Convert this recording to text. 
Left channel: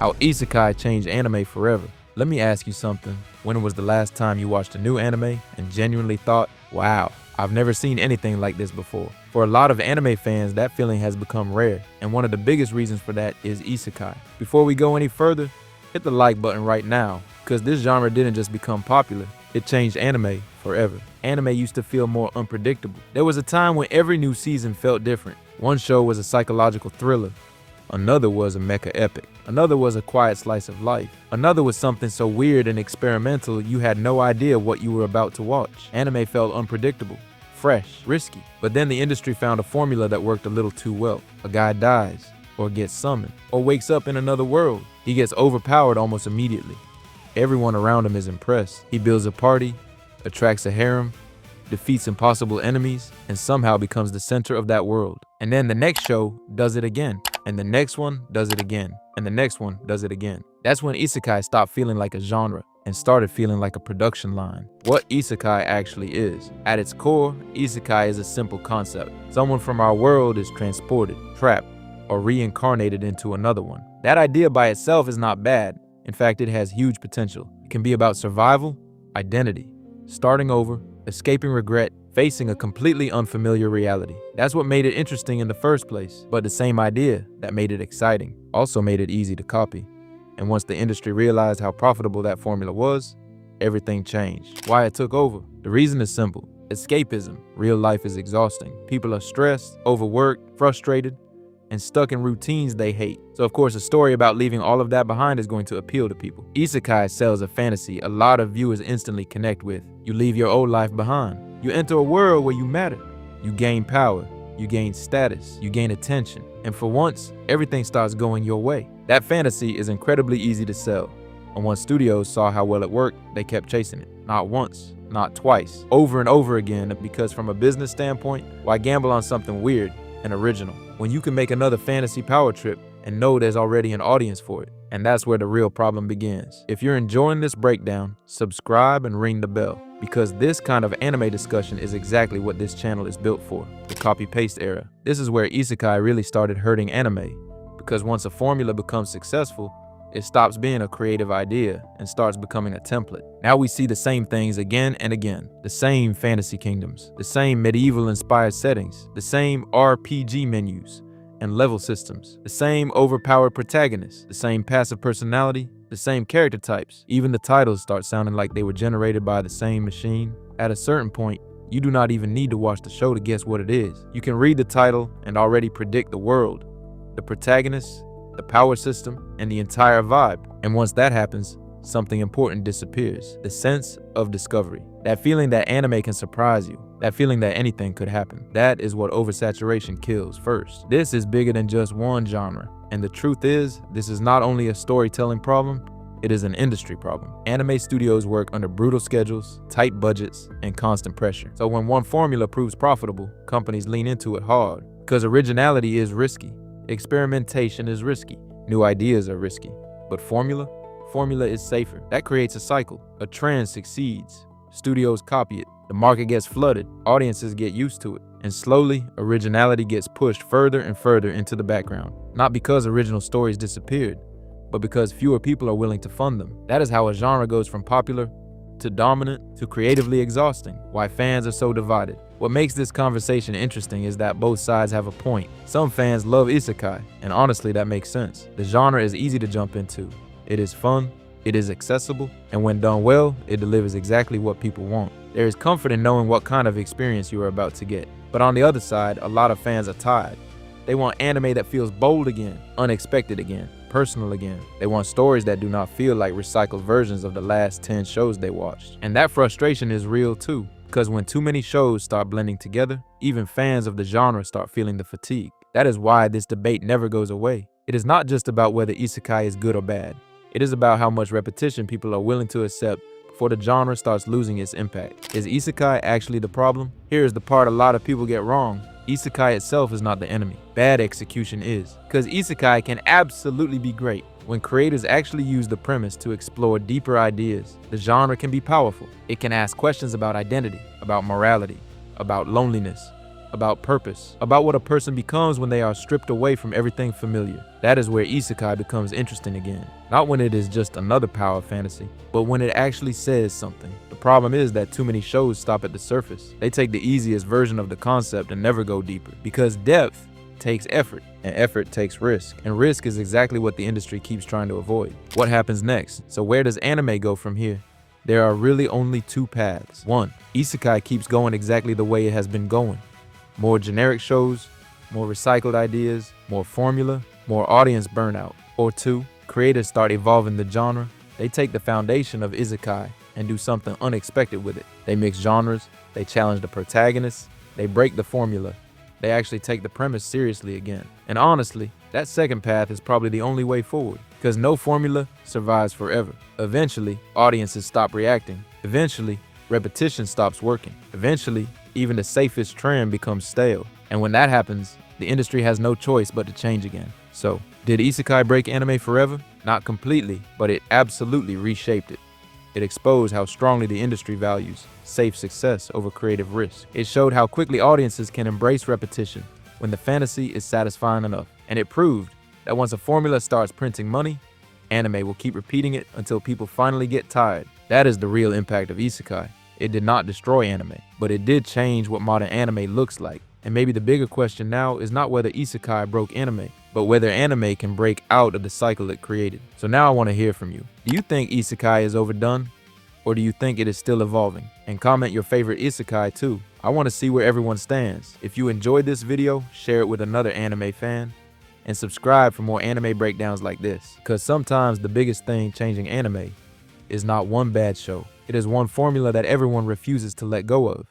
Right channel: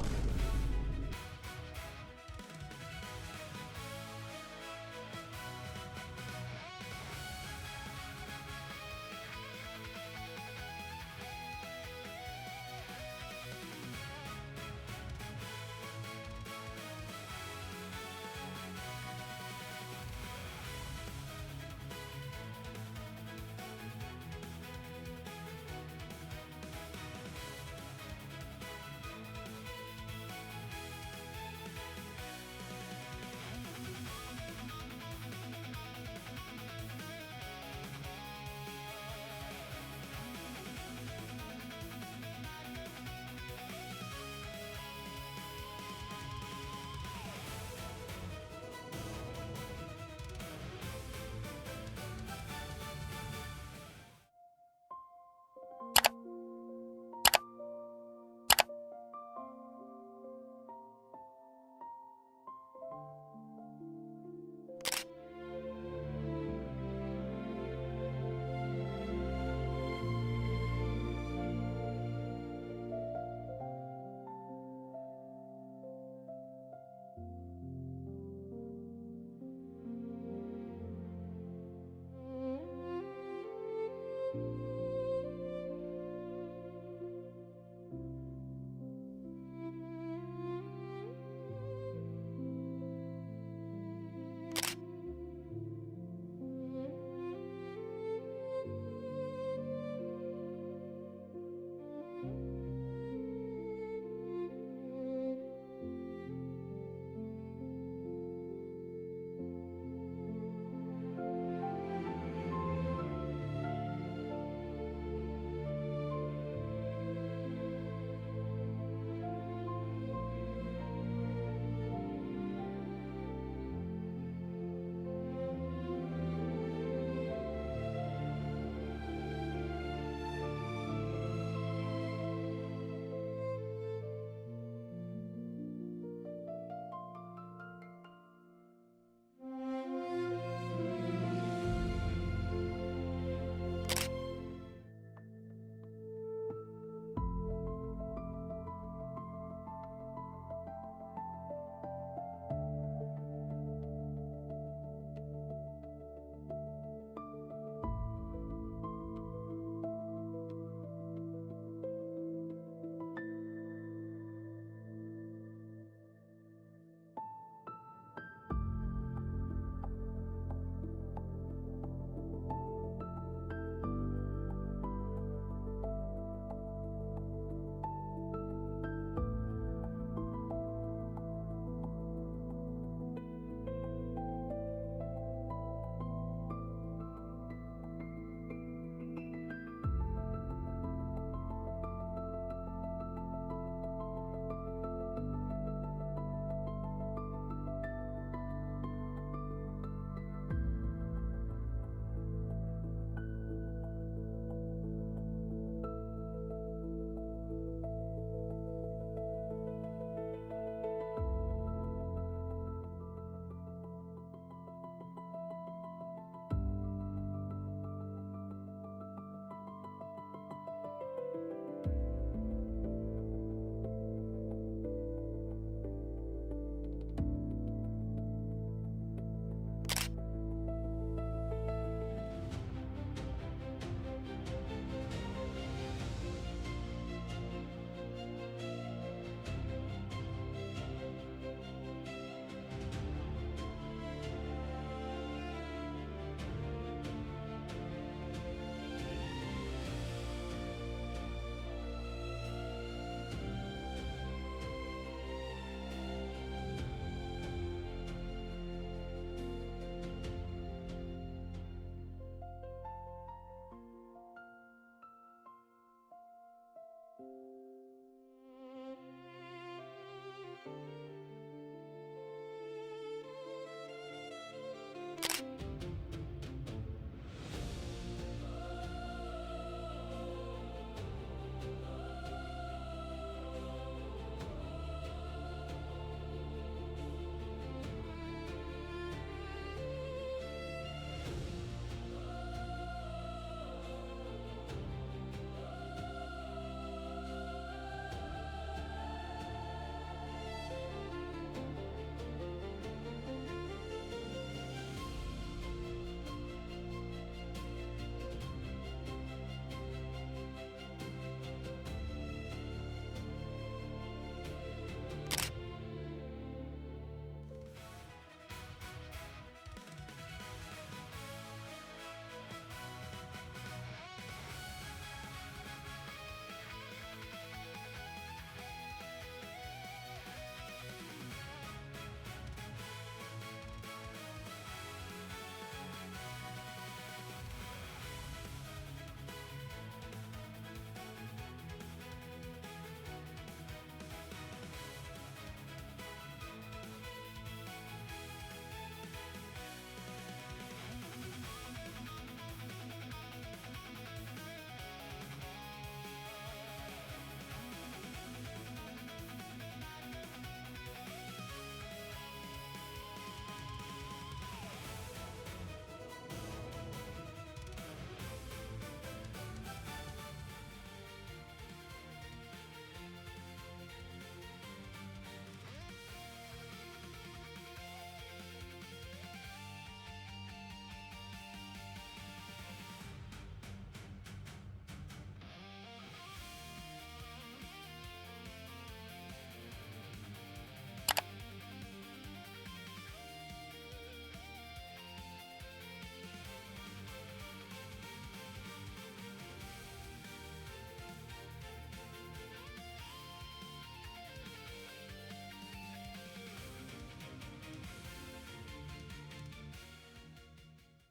How Isekai changed anime forever. Let me ask you something. When was the last time you watched a new anime and genuinely thought, wow, I've never seen anything like this before? For a lot of anime fans, that feeling has become rare, and one of the biggest reasons for that is Isekai. Before we go any further, hit the like button right now, because this genre didn't just become popular, it changed anime forever. Anime used to feel more unpredictable. There was a time when every new season felt different. One show was a psychological thriller. Another was a mecha epic. Another was a quiet slice of life. Another was something so weird and experimental you had no idea what you were about to watch. Anime felt unpredictable, fresh, risky. But then the industry found a formula that worked a little too well. A guy dies, or gets summoned, or wakes up in another world. He gets overpowered almost immediately. Everyone around him is impressed. He builds a party, attracts a harem, defeats impossible enemies, and somehow becomes the center of that world. And then the next show does it again. And the next one does it again, and the next one does it again. That's when Isekai stopped feeling like a genre and started feeling like a production line. What Isekai actually is. At its core, Isekai is a simple concept. Someone from our world is transported, trapped, or reincarnated into another one. That idea by itself is not bad. In fact, it has huge potential. It can be about survival, identity, starting over, escaping regret, facing a completely unfamiliar reality. That's what made it interesting in the first place. But the same idea that made it exciting also made it easy to copy. And once the industry realized how profitable that formula was, everything changed. Why it took over? The reason is simple. Escapism. Real life is exhausting. People are stressed, overworked, frustrated, and stuck in routines they hate. So of course, a story about leaving all of that behind is going to appeal to people. Isekai sells a fantasy a lot of viewers instantly connect with. You leave your old life behind. You enter a world where you matter. You gain power. You gain status. You gain attention. And for once, everything starts going your way. That fantasy is incredibly easy to sell. And once studios saw how well it worked, they kept chasing it. Not once, not twice, over and over again, because from a business standpoint, why gamble on something weird and original when you can make another fantasy power trip and know there's already an audience for it? And that's where the real problem begins. If you're enjoying this breakdown, subscribe and ring the bell, because this kind of anime discussion is exactly what this channel is built for, the copy-paste era. This is where Isekai really started hurting anime, because once a formula becomes successful, it stops being a creative idea and starts becoming a template. Now we see the same things again and again. The same fantasy kingdoms, the same medieval-inspired settings, the same RPG menus and level systems, the same overpowered protagonists, the same passive personality, the same character types. Even the titles start sounding like they were generated by the same machine. At a certain point, you do not even need to watch the show to guess what it is. You can read the title and already predict the world, the protagonists, the power system, and the entire vibe. And once that happens, something important disappears. The sense of discovery. That feeling that anime can surprise you. That feeling that anything could happen. That is what oversaturation kills first. This is bigger than just one genre. And the truth is, this is not only a storytelling problem, it is an industry problem. Anime studios work under brutal schedules, tight budgets, and constant pressure. So when one formula proves profitable, companies lean into it hard. Because originality is risky. Experimentation is risky. New ideas are risky. But formula is safer. That creates a cycle. A trend succeeds. Studios copy it. The market gets flooded. Audiences get used to it. And slowly, originality gets pushed further and further into the background. Not because original stories disappeared, but because fewer people are willing to fund them. That is how a genre goes from popular to dominant to creatively exhausting. Why fans are so divided. What makes this conversation interesting is that both sides have a point. Some fans love Isekai, and honestly that makes sense. The genre is easy to jump into. It is fun, it is accessible, and when done well, it delivers exactly what people want. There is comfort in knowing what kind of experience you are about to get. But on the other side, a lot of fans are tired. They want anime that feels bold again, unexpected again, personal again. They want stories that do not feel like recycled versions of the last 10 shows they watched. And that frustration is real too, because when too many shows start blending together, even fans of the genre start feeling the fatigue. That is why this debate never goes away. It is not just about whether Isekai is good or bad. It is about how much repetition people are willing to accept before the genre starts losing its impact. Is Isekai actually the problem? Here is the part a lot of people get wrong. Isekai itself is not the enemy. Bad execution is. Because Isekai can absolutely be great when creators actually use the premise to explore deeper ideas. The genre can be powerful. It can ask questions about identity, about morality, about loneliness, about purpose, about what a person becomes when they are stripped away from everything familiar. That is where Isekai becomes interesting again. Not when it is just another power fantasy, but when it actually says something. The problem is that too many shows stop at the surface. They take the easiest version of the concept and never go deeper, because depth takes effort, and effort takes risk, and risk is exactly what the industry keeps trying to avoid. What happens next? So where does anime go from here? There are really only two paths. One, Isekai keeps going exactly the way it has been going. More generic shows, more recycled ideas, more formula, more audience burnout. Or two, creators start evolving the genre. They take the foundation of Isekai and do something unexpected with it. They mix genres, they challenge the protagonists, they break the formula. They actually take the premise seriously again. And honestly, that second path is probably the only way forward, because no formula survives forever. Eventually, audiences stop reacting. Eventually, repetition stops working. Eventually, even the safest trend becomes stale. And when that happens, the industry has no choice but to change again. So, did Isekai break anime forever? Not completely, but it absolutely reshaped it. It exposed how strongly the industry values safe success over creative risk. It showed how quickly audiences can embrace repetition when the fantasy is satisfying enough. And it proved that once a formula starts printing money, anime will keep repeating it until people finally get tired. That is the real impact of Isekai. It did not destroy anime, but it did change what modern anime looks like. And maybe the bigger question now is not whether Isekai broke anime, but whether anime can break out of the cycle it created. So now I want to hear from you. Do you think Isekai is overdone? Or do you think it is still evolving? And comment your favorite Isekai too. I want to see where everyone stands. If you enjoyed this video, share it with another anime fan, and subscribe for more anime breakdowns like this. Because sometimes the biggest thing changing anime is not one bad show. It is one formula that everyone refuses to let go of.